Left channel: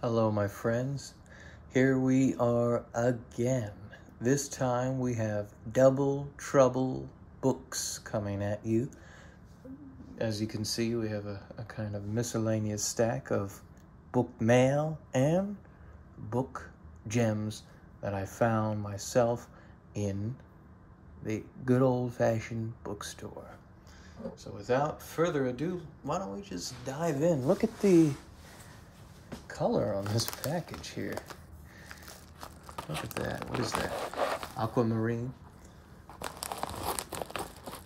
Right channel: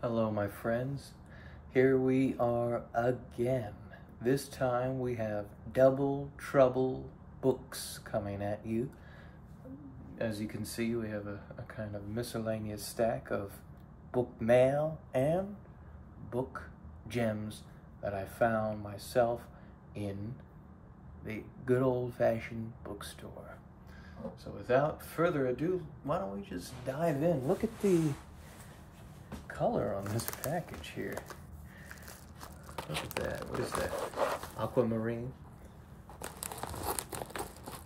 Hello, my friends. Here we are again. This time we have Double Trouble books coming at you. As you can see, we have a kind of miscellaneous stack of book mail and book gems that I found myself in the good old-fashioned bookstore. So without further ado, why don't we just dive in? Look at the color on this package here. Look at that. What is that? Aquamarine?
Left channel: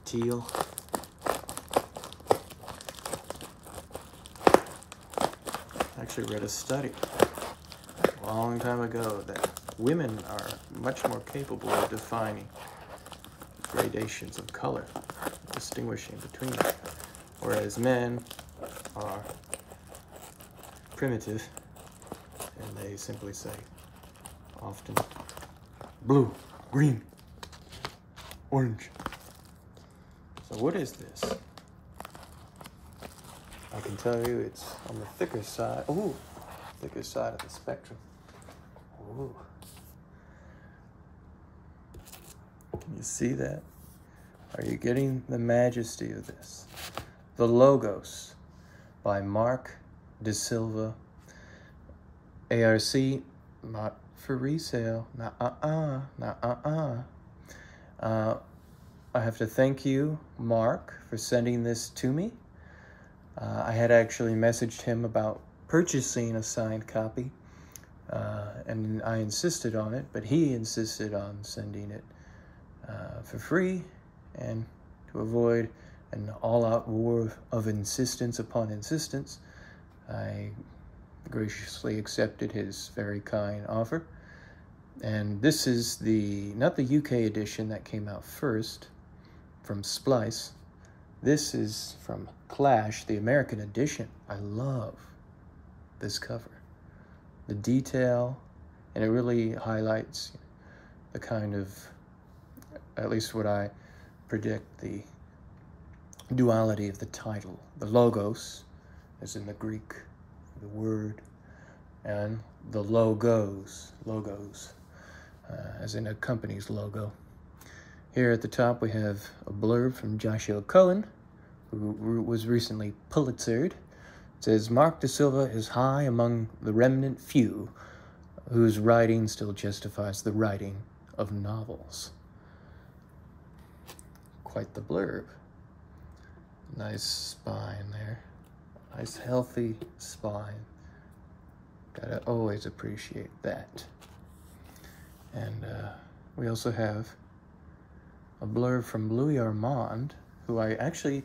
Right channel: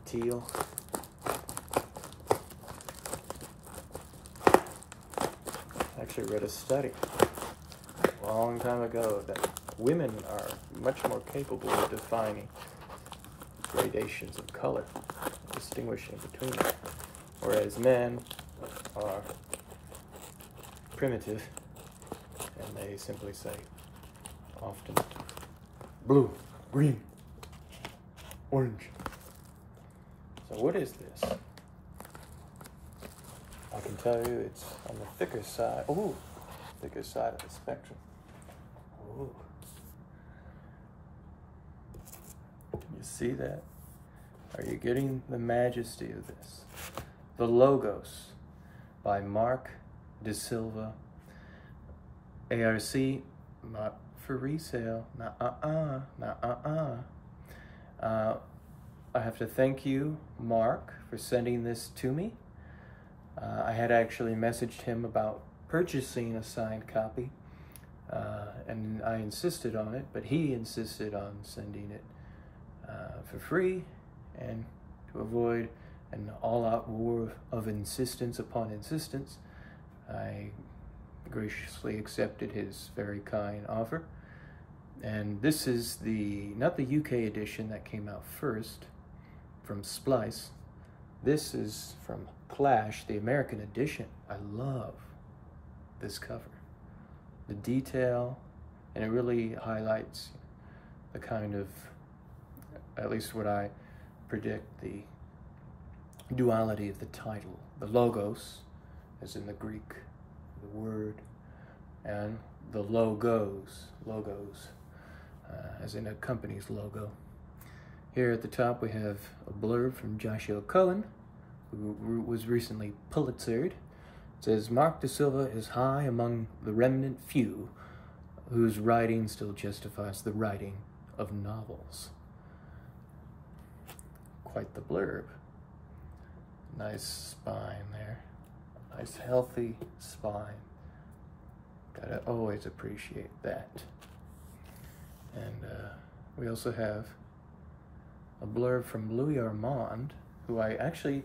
Teal? I actually read a study a long time ago that women are much more capable of defining gradations of color, distinguishing between them, whereas men are primitive, and they simply say often blue, green, orange. So what is this? I can tell you it's on the thicker side. Ooh, thicker side of the spectrum. Ooh. You see that? Are you getting the majesty of this? The Logos by Mark De Silva. ARC, not for resale. I have to thank you, Mark, for sending this to me. I had actually messaged him about purchasing a signed copy, and I insisted on it, but he insisted on sending it for free, and to avoid an all-out war of insistence upon insistence, I graciously accepted his very kind offer. And this is not the UK edition that came out first from Splice. This is from Clash, the American edition. I love this cover. The detail, and it really highlights the kind of, at least what I predict, the duality of the title. The Logos, as in the Greek, the word, and the logos, as in a company's logo. Here at the top we have a blurb from Joshua Cohen, who was recently Pulitzered. It says, Mark De Silva is high among the remnant few whose writing still justifies the writing of novels. Quite the blurb. Nice spine there. Nice healthy spine. Gotta always appreciate that. And we also have a blurb from Louis Armand, who I actually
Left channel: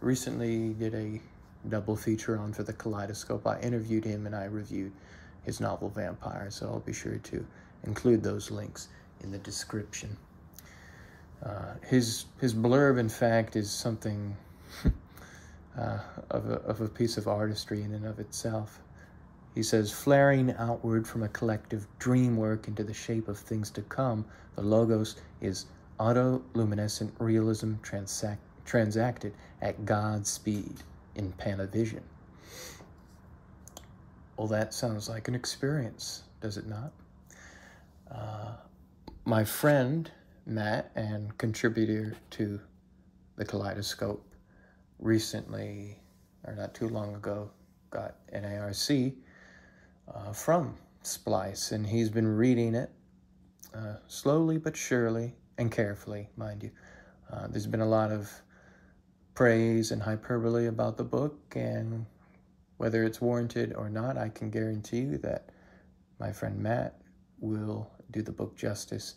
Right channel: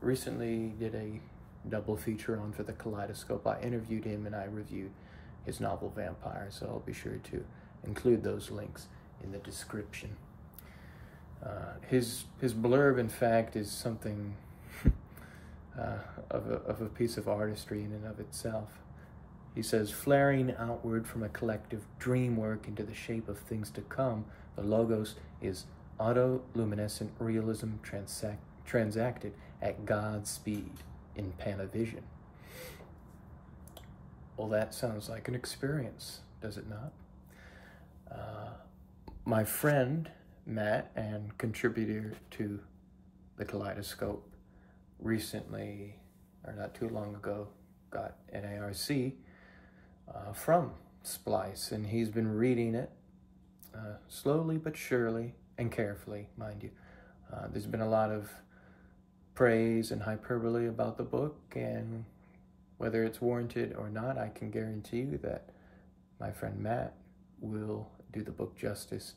recently did a double feature on for the Kaleidoscope. I interviewed him and I reviewed his novel Vampire, so I'll be sure to include those links in the description. His blurb, in fact, is something of a piece of artistry in and of itself. He says, flaring outward from a collective dream work into the shape of things to come, the Logos is autoluminescent realism transacted at God's speed in Panavision. Well, that sounds like an experience, does it not? My friend, Matt, and contributor to the Kaleidoscope, recently, or not too long ago, got an ARC from Splice, and he's been reading it slowly but surely, and carefully, mind you. There's been a lot of praise and hyperbole about the book, and whether it's warranted or not, I can guarantee you that my friend Matt will do the book justice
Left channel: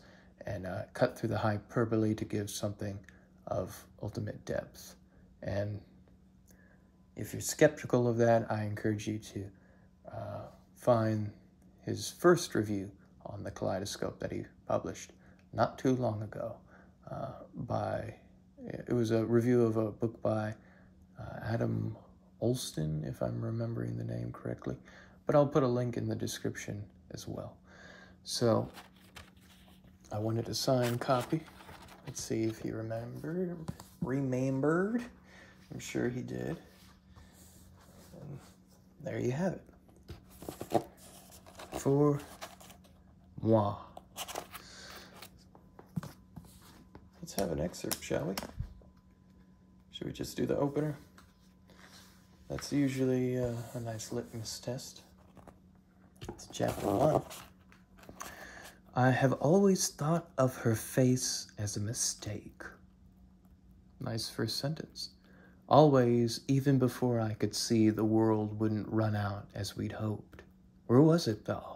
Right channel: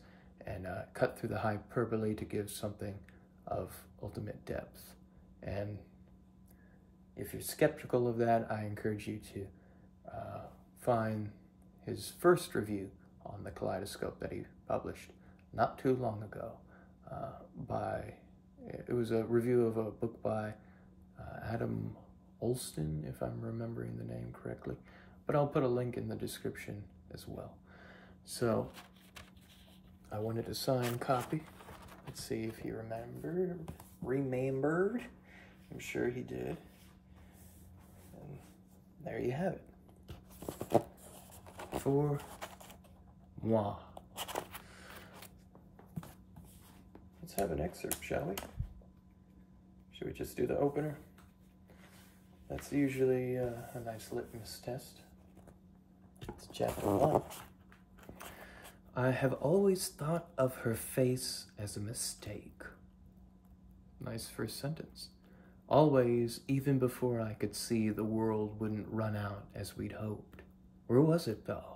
and cut through the hyperbole to give something of ultimate depth. And if you're skeptical of that, I encourage you to find his first review on the Kaleidoscope that he published not too long ago. It was a review of a book by Adam Olston, if I'm remembering the name correctly, but I'll put a link in the description as well. So I wanted a signed copy. Let's see if he remembered. I'm sure he did. And there you have it. for moi. Let's have an excerpt, shall we? Should we just do the opener? That's usually a nice litmus test. It's chapter 1. I have always thought of her face as a mistake. Nice first sentence. Always, even before I could see the world wouldn't run out as we'd hoped. Where was it, though?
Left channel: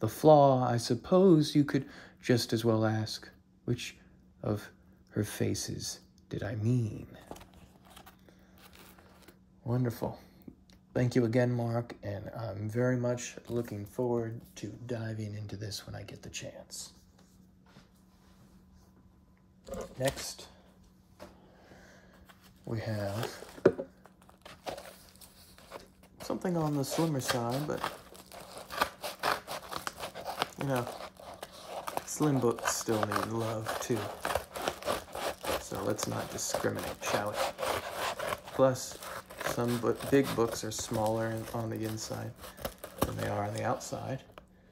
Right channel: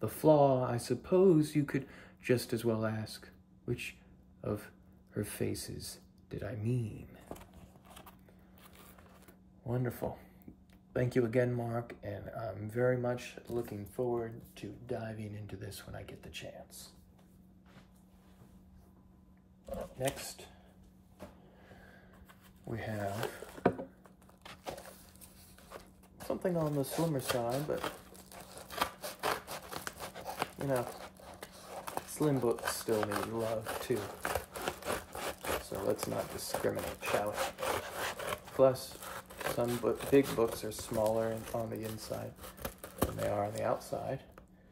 The flaw, I suppose you could just as well ask, which of her faces did I mean? Wonderful. Thank you again, Mark, and I'm very much looking forward to diving into this when I get the chance. Next, we have something on the slimmer side, but, you know, slim books still need love, too. So let's not discriminate, shall we? Plus, some big books are smaller on the inside than they are on the outside.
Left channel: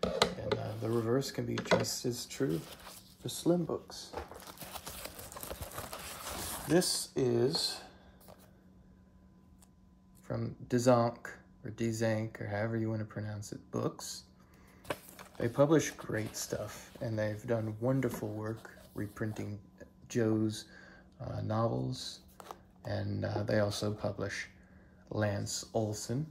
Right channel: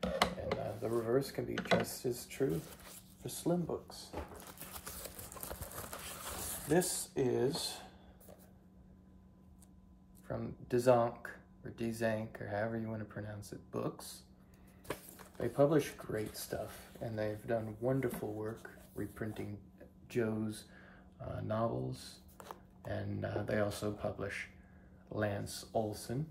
And the reverse can be just as true for slim books. This is from Dzanc, or Dzanc, or however you want to pronounce it, books. They publish great stuff, and they've done wonderful work reprinting Joe's novels, and they also publish Lance Olson.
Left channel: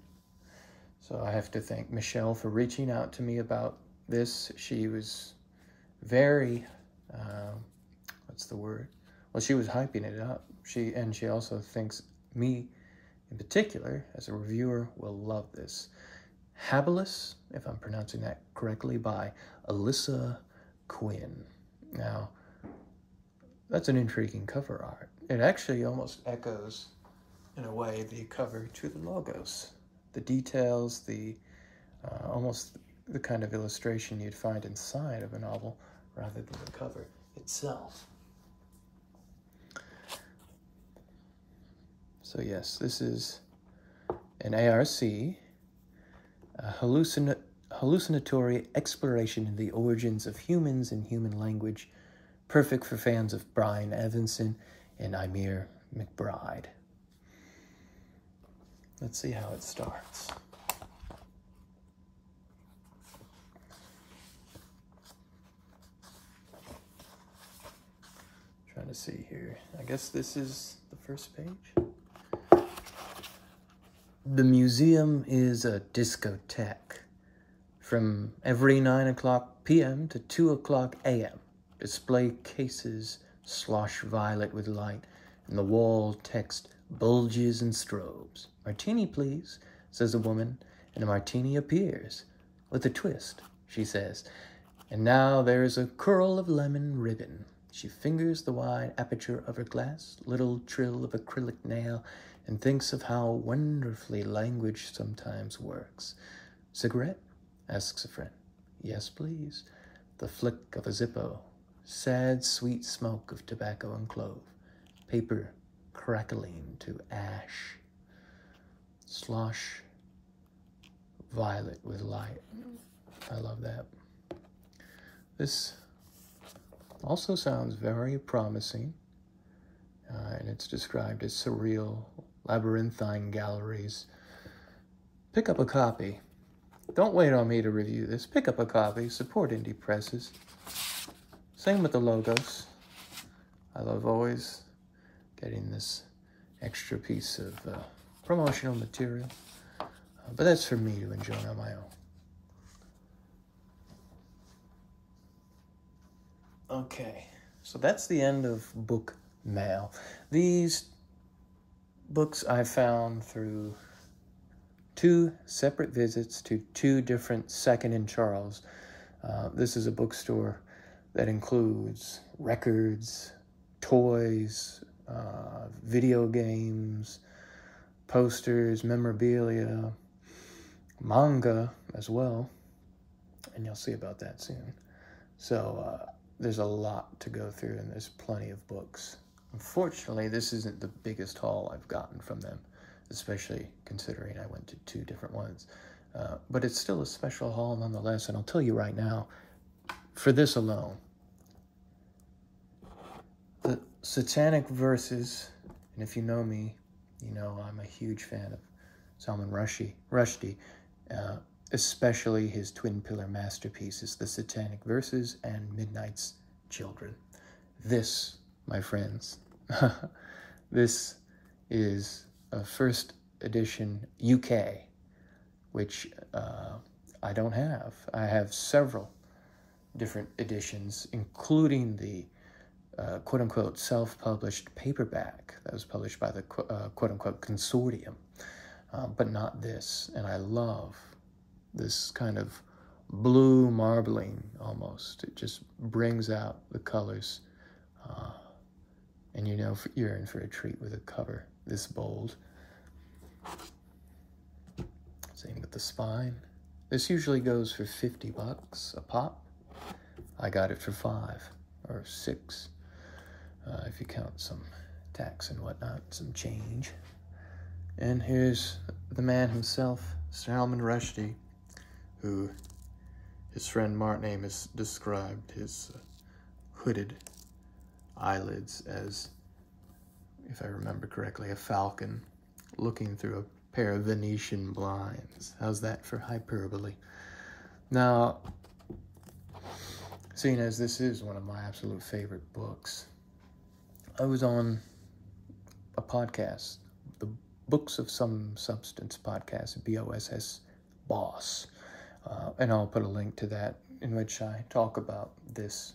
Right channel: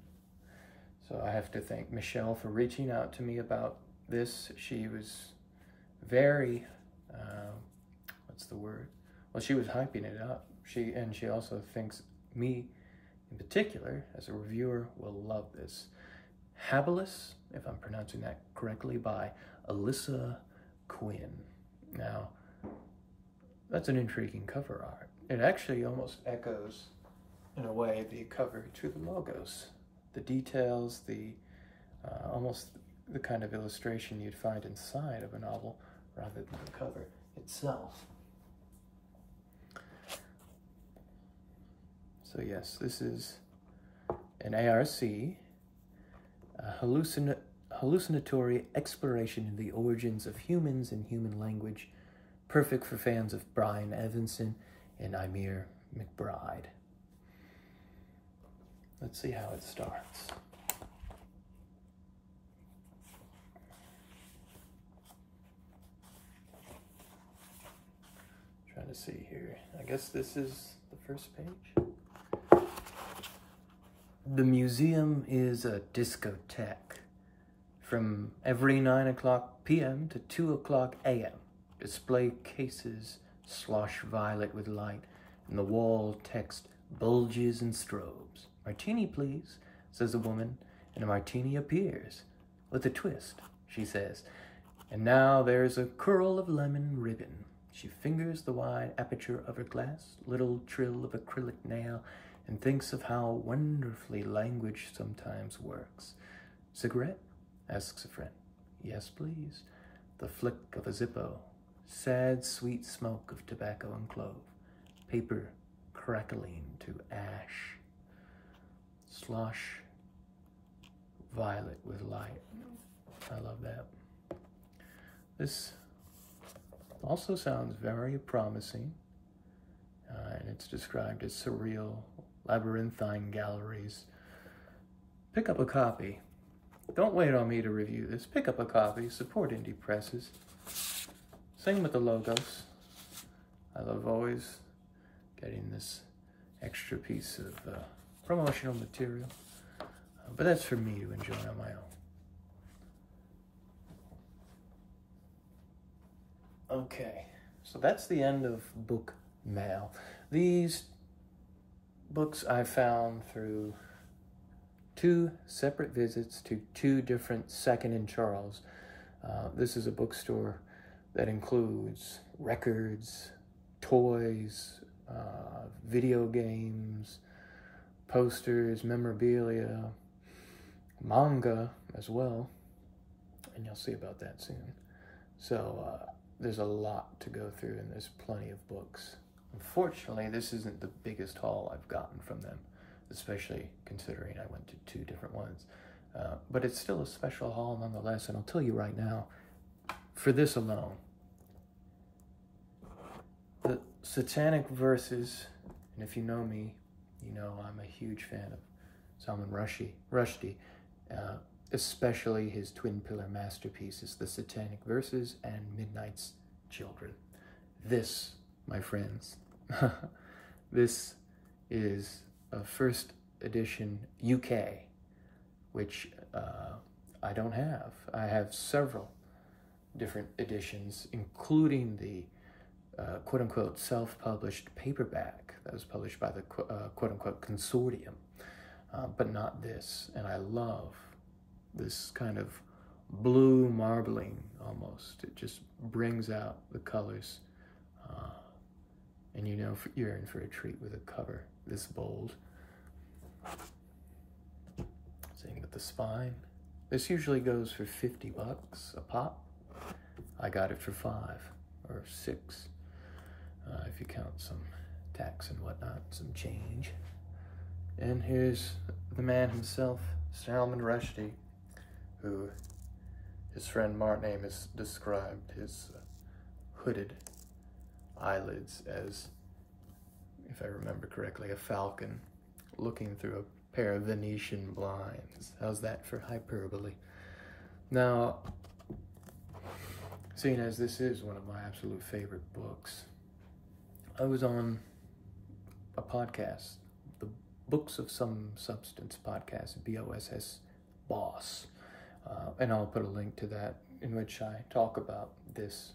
So I have to thank Michelle for reaching out to me about this. She was very, what's the word? Well, she was hyping it up. She also thinks me, in particular, as a reviewer, will love this. Habilis, if I'm pronouncing that correctly, by Alyssa Quinn. Now, that's an intriguing cover art. It actually almost echoes, in a way, the cover to the logos. The details, almost the kind of illustration you'd find inside of a novel rather than the cover itself. So yes, this is an ARC, a hallucinatory exploration in the origins of humans and human language, perfect for fans of Brian Evanson and Ymir McBride. Let's see how it starts. Trying to see here. I guess this is the first page. The museum is a discotheque. From every 9 o'clock p.m. to 2 o'clock a.m. Display cases slosh violet with light, and the wall text bulges and strobes. Martini, please, says a woman, and a martini appears. With a twist, she says. And now there's a curl of lemon ribbon. She fingers the wide aperture of her glass, little trill of acrylic nail, and thinks of how wonderfully language sometimes works. Cigarette? Asks a friend. Yes, please. The flick of a Zippo. Sad, sweet smoke of tobacco and clove. Paper crackling to ash. Slosh violet with light. I love that. This also sounds very promising, and it's described as surreal, labyrinthine galleries. Pick up a copy. Don't wait on me to review this. Pick up a copy. Support indie presses. Same with the logos. I love always getting this extra piece of promotional material. But that's for me to enjoy on my own. Okay, so that's the end of book mail. These books I found through 2 separate visits to 2 different Second and Charles. This is a bookstore that includes records, toys, video games, posters, memorabilia, manga as well, and you'll see about that soon. So there's a lot to go through, and there's plenty of books. Unfortunately, this isn't the biggest haul I've gotten from them, especially considering I went to 2 different ones. But it's still a special haul nonetheless, and I'll tell you right now, for this alone, the Satanic Verses, and if you know me, you know I'm a huge fan of Salman Rushdie, especially his twin pillar masterpieces, The Satanic Verses and Midnight's Children. This, my friends, this is a first edition UK, which I don't have. I have several different editions, including the quote-unquote self-published paperback that was published by the quote-unquote consortium, but not this. And I love this kind of blue marbling almost. It just brings out the colors, and you know you're in for a treat with a cover this bold. Same with the spine. This usually goes for $50 a pop. I got it for $5 or $6, if you count some tax and whatnot, some change. And here's the man himself, Salman Rushdie, who his friend Martin Amis described his hooded eyelids as, if I remember correctly, a falcon looking through a pair of Venetian blinds. How's that for hyperbole? Now, seeing as this is one of my absolute favorite books, I was on a podcast, the Books of Some Substance podcast, BOSS, Boss, and I'll put a link to that, in which I talk about this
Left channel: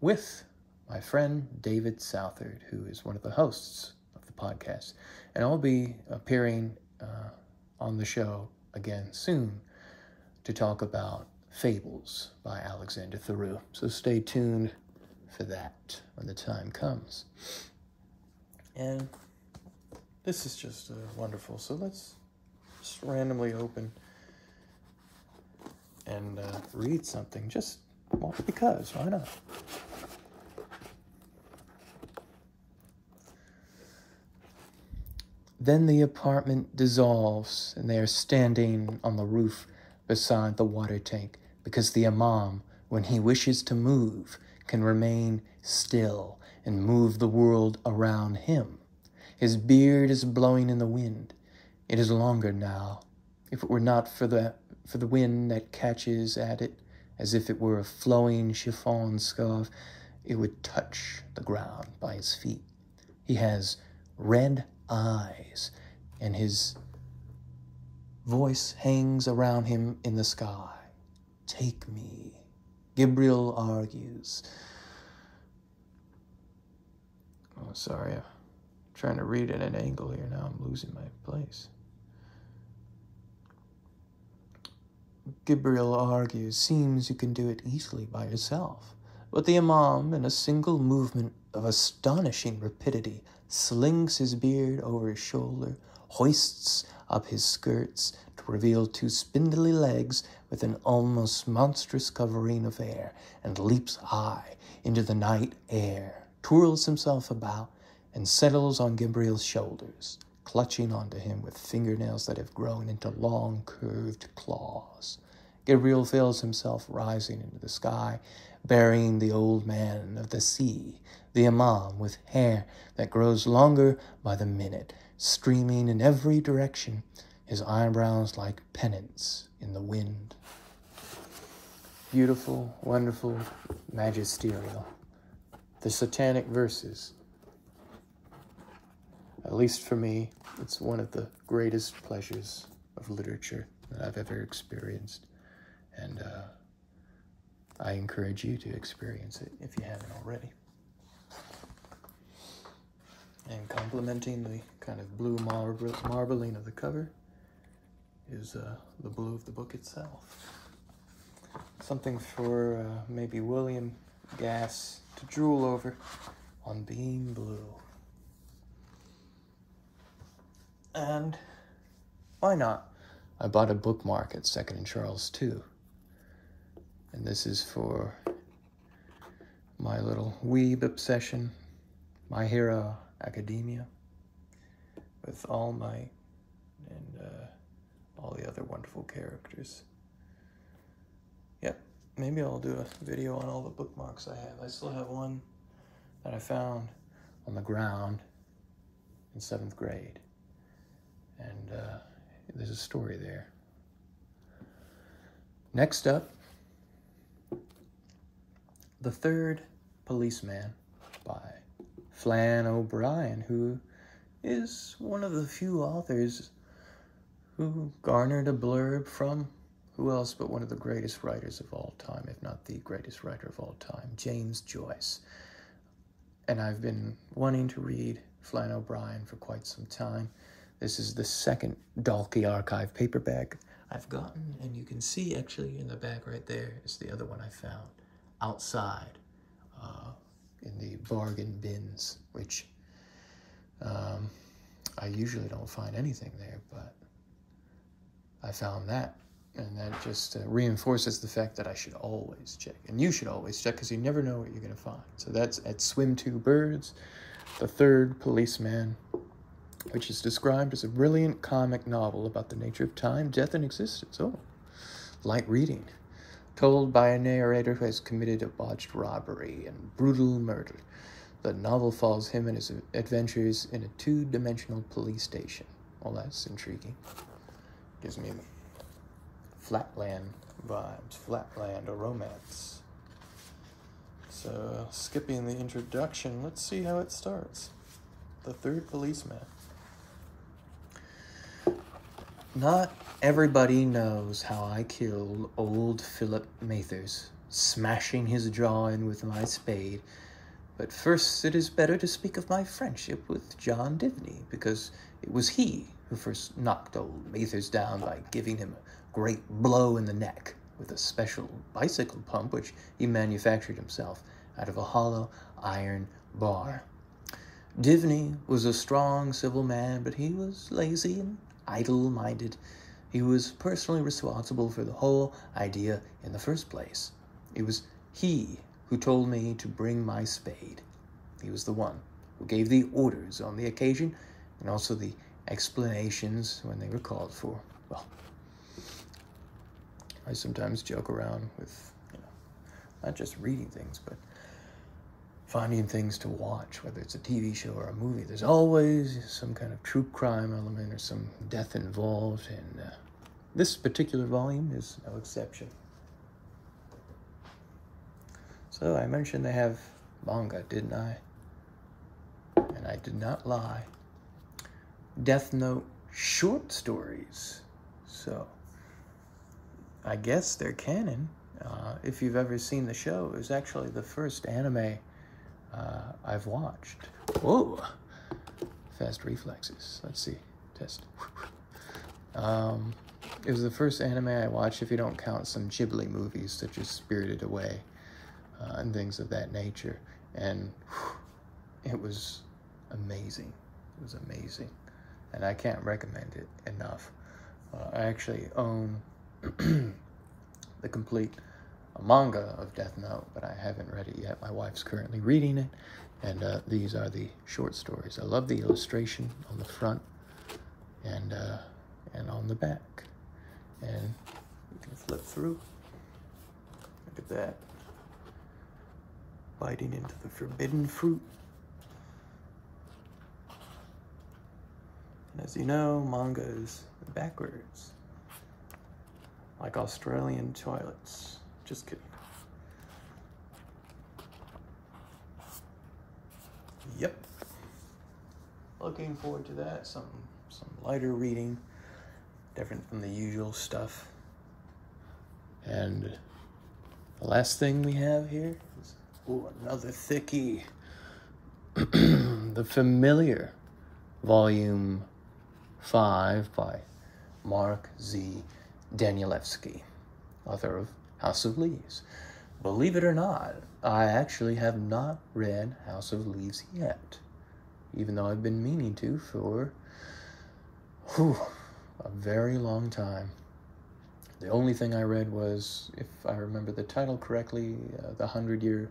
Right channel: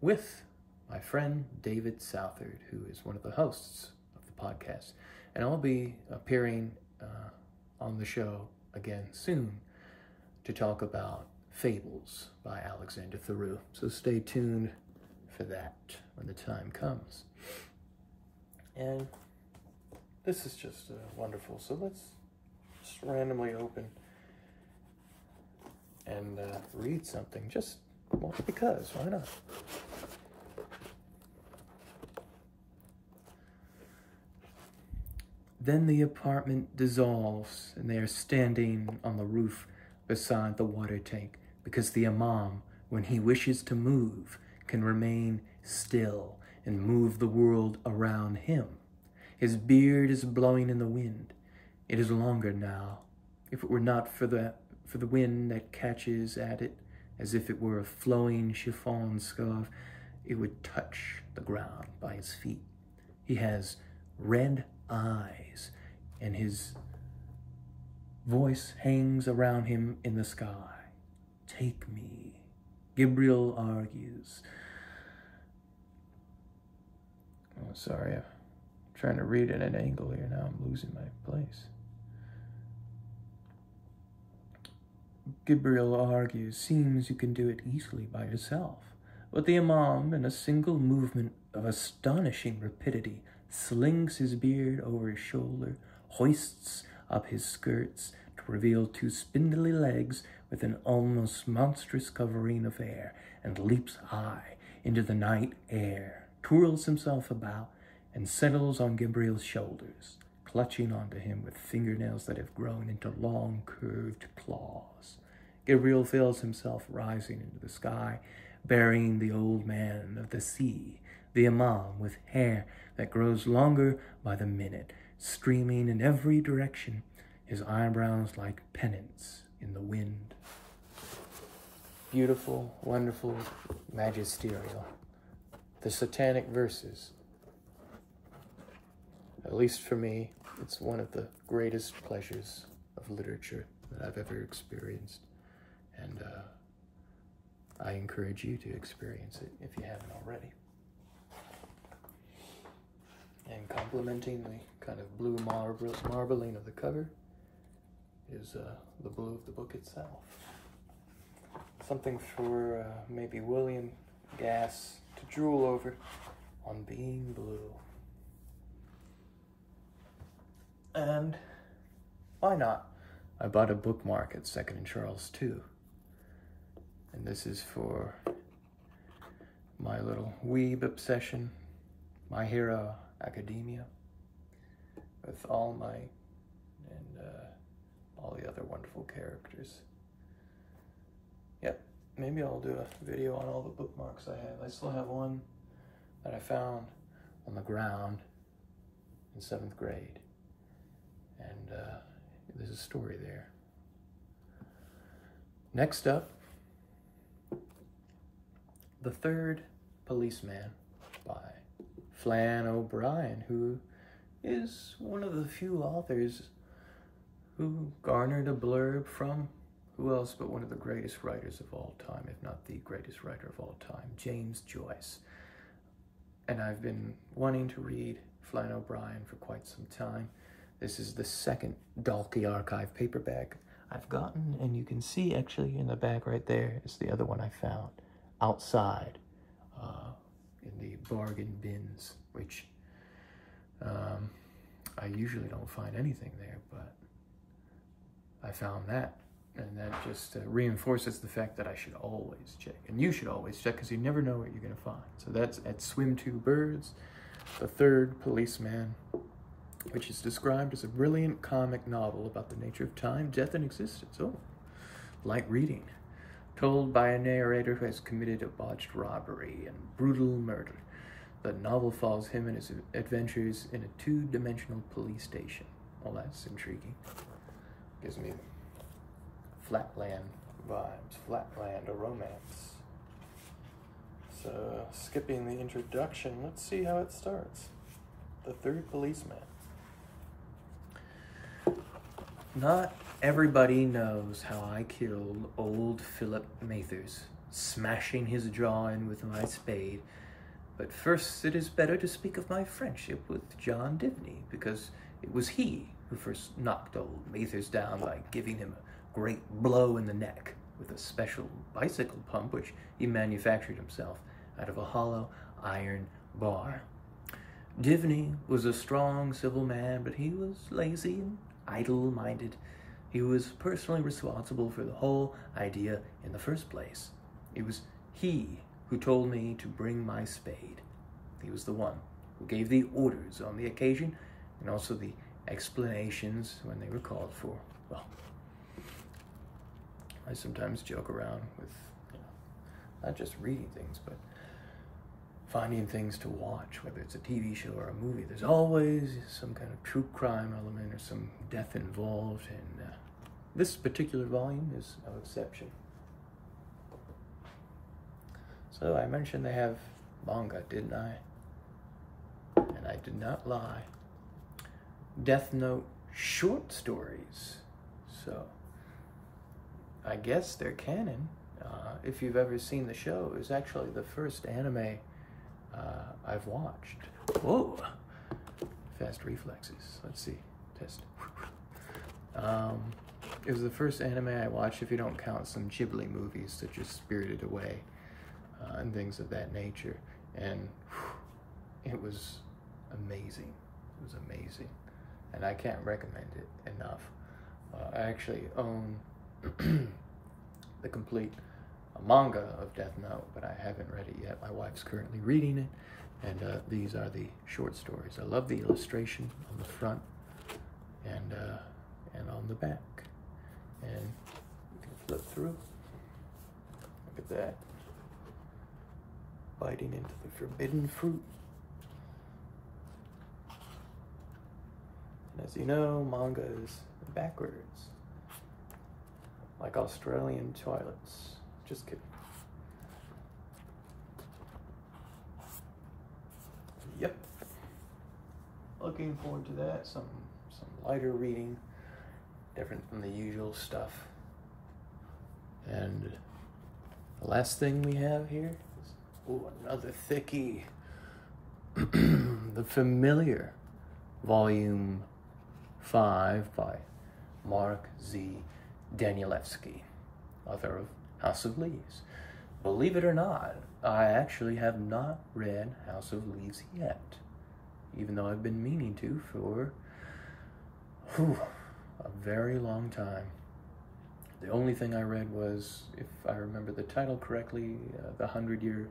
with my friend David Southard, who is one of the hosts of the podcast. And I'll be appearing on the show again soon to talk about Fables by Alexander Theroux. So stay tuned for that when the time comes. And this is just wonderful. So let's just randomly open and read something, just because, why not? Then the apartment dissolves, and they are standing on the roof beside the water tank, because the imam, when he wishes to move, can remain still and move the world around him. His beard is blowing in the wind. It is longer now. If it were not for the wind that catches at it, as if it were a flowing chiffon scarf, it would touch the ground by his feet. He has red eyes, and his voice hangs around him in the sky. Take me, Gabriel argues. Oh, sorry, I'm trying to read at an angle here. Now I'm losing my place. Gabriel argues, seems you can do it easily by yourself. But the imam, in a single movement of astonishing rapidity, slings his beard over his shoulder, hoists up his skirts to reveal two spindly legs with an almost monstrous covering of hair, and leaps high into the night air, twirls himself about, and settles on Gabriel's shoulders, clutching onto him with fingernails that have grown into long, curved claws. Gabriel feels himself rising into the sky, burying the old man of the sea, the imam with hair that grows longer by the minute, streaming in every direction, his eyebrows like pennants in the wind. Beautiful, wonderful, magisterial. The Satanic Verses. At least for me, it's one of the greatest pleasures of literature that I've ever experienced. And I encourage you to experience it if you haven't already. And complementing the kind of blue marbling of the cover is the blue of the book itself. Something for maybe William Gass to drool over on being blue. And why not? I bought a bookmark at 2nd and Charles too. And this is for my little weeb obsession, My Hero Academia, with All Might and all the other wonderful characters. Yep, maybe I'll do a video on all the bookmarks I have. I still have one that I found on the ground in 7th grade. And there's a story there. Next up, The Third Policeman by Flann O'Brien, who is one of the few authors who garnered a blurb from who else but one of the greatest writers of all time, if not the greatest writer of all time, James Joyce. And I've been wanting to read Flann O'Brien for quite some time. This is the second Dalkey Archive paperback I've gotten, and you can see actually in the back right there is the other one I found outside in the bargain bins, which I usually don't find anything there, but I found that, and that just reinforces the fact that I should always check, and you should always check, because you never know what you're going to find. So that's at Swim Two Birds, The Third Policeman, which is described as a brilliant comic novel about the nature of time, death, and existence. Oh, light reading. Told by a narrator who has committed a botched robbery and brutal murder. The novel follows him and his adventures in a two-dimensional police station. Well, that's intriguing. Gives me Flatland vibes, Flatland, a romance. So, skipping the introduction, let's see how it starts. The Third Policeman. Not everybody knows how I killed old Philip Mathers, smashing his jaw in with my spade. But first it is better to speak of my friendship with John Divney, because it was he who first knocked old Mathers down by giving him a great blow in the neck with a special bicycle pump which he manufactured himself out of a hollow iron bar. Divney was a strong civil man, but he was lazy and idle-minded. He was personally responsible for the whole idea in the first place. It was he who told me to bring my spade. He was the one who gave the orders on the occasion, and also the explanations when they were called for. Well, I sometimes joke around with, not just reading things, but finding things to watch, whether it's a TV show or a movie. There's always some kind of true crime element or some death involved, and this particular volume is no exception. So I mentioned they have manga, didn't I? And I did not lie. Death Note short stories. So I guess they're canon. If you've ever seen the show, it was actually the first anime I've watched. Whoa! Fast reflexes. Let's see. Test. It was the first anime I watched, if you don't count some Ghibli movies such as Spirited Away and things of that nature. And it was amazing. It was amazing. And I can't recommend it enough. I actually own the complete manga of Death Note, but I haven't read it yet. My wife's currently reading it, and these are the short stories. I love the illustration on the front and on the back. And you can flip through. Look at that. Biting into the forbidden fruit. And as you know, manga is backwards, like Australian toilets. Just kidding. Yep. Looking forward to that. Some lighter reading, different from the usual stuff. And the last thing we have here is, oh, another thickie. The Familiar, Volume 5 by Mark Z. Danielewski, author of House of Leaves. Believe it or not, I actually have not read House of Leaves yet, even though I've been meaning to for a very long time. The only thing I read was, if I remember the title correctly, The 100-Year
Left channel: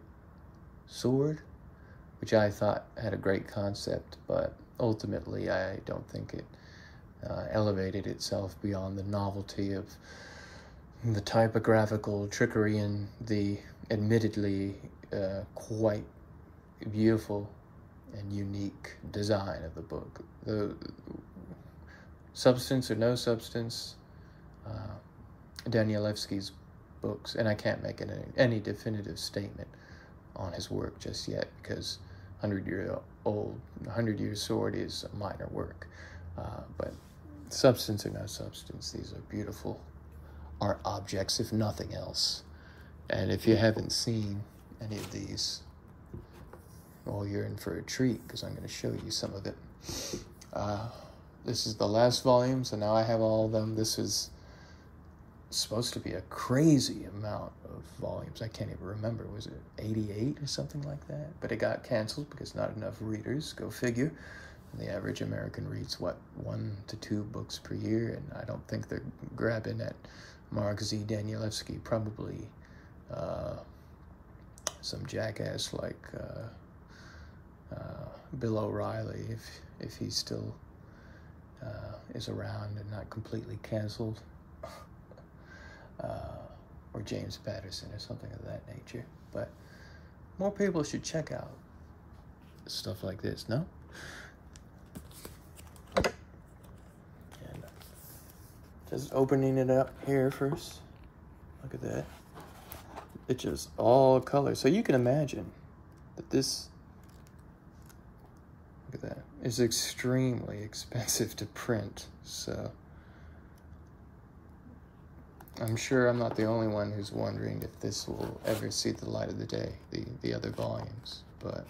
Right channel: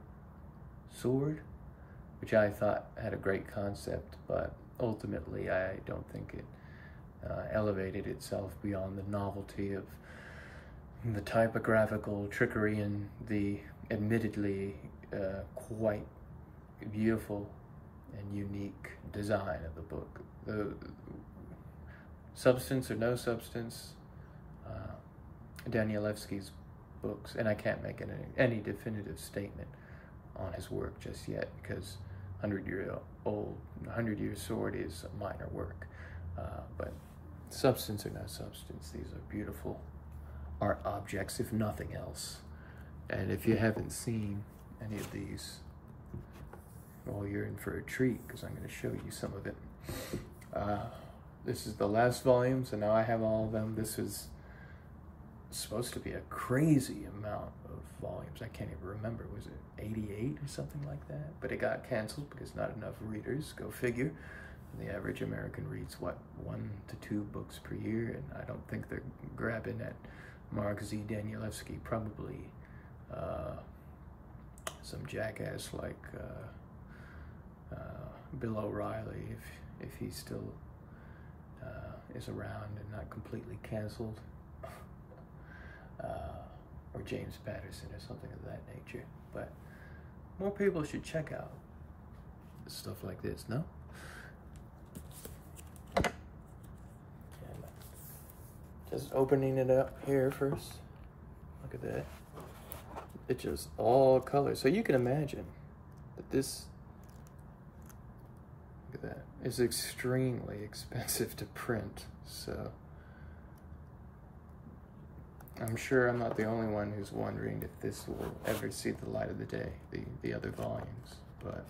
Sword, which I thought had a great concept, but ultimately I don't think it elevated itself beyond the novelty of the typographical trickery and the admittedly quite beautiful and unique design of the book. The substance or no substance, Danielewski's books, and I can't make any definitive statement on his work just yet, because 100-Year Sword is a minor work, but substance or no substance, these are beautiful art objects, if nothing else. And if you haven't seen any of these, well, you're in for a treat, because I'm going to show you some of it. This is the last volume, so now I have all of them. This is supposed to be a crazy amount of volumes. I can't even remember. Was it 88 or something like that? But it got canceled because not enough readers. Go figure. And the average American reads, what, 1 to 2 books per year? And I don't think they're grabbing at Mark Z. Danielewski. Probably some jackass like Bill O'Reilly, if he still is around and not completely canceled. Or James Patterson or something of that nature. But more people should check out stuff like this, no? And just opening it up here first. Look at that. It's just all color. So you can imagine that this, look at that, is extremely expensive to print. So I'm sure I'm not the only one who's wondering if this will ever see the light of the day, the other volumes, but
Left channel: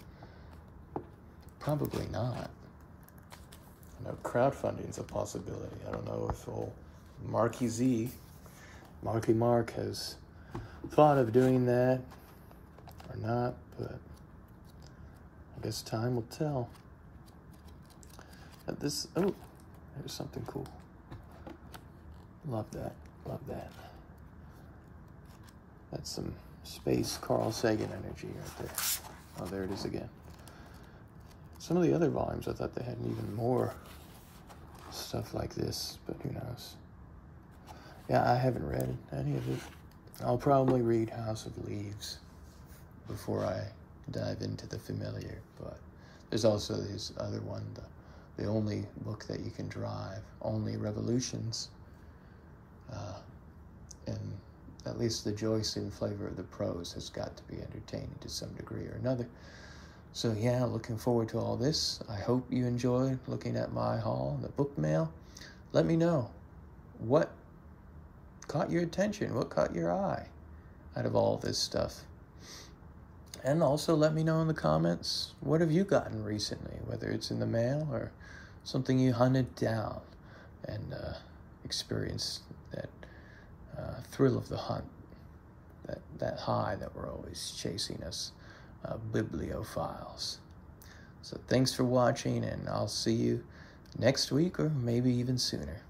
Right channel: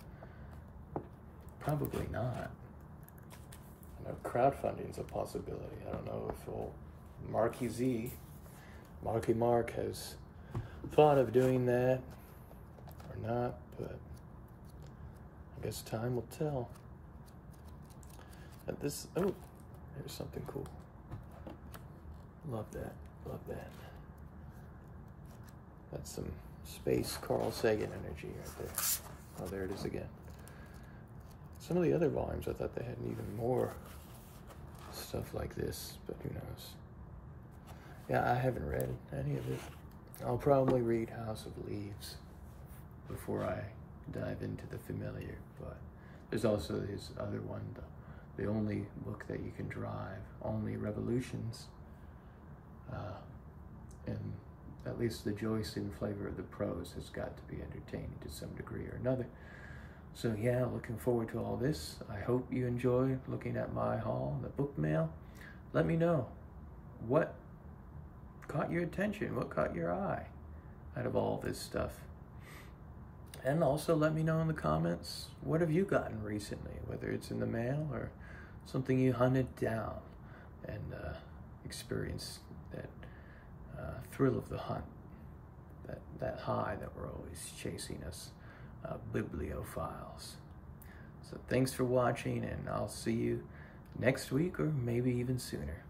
probably not. You know, crowdfunding is a possibility. I don't know if old Marky Mark has thought of doing that or not, but I guess time will tell. But this, oh, there's something cool. Love that. Love that. That's some space Carl Sagan energy right there. Oh, there it is again. Some of the other volumes, I thought they had even more stuff like this, but who knows. Yeah, I haven't read any of it. I'll probably read House of Leaves before I dive into the familiar, but there's also this other one, the only book that you can drive, Only Revolutions. And at least the Joycean flavor of the prose has got to be entertaining to some degree or another. So yeah, looking forward to all this. I hope you enjoy looking at my haul, the book mail. Let me know what caught your attention, what caught your eye out of all this stuff. And also let me know in the comments, what have you gotten recently, whether it's in the mail or something you hunted down and experienced that thrill of the hunt, that high that we're always chasing us bibliophiles. So thanks for watching, and I'll see you next week or maybe even sooner.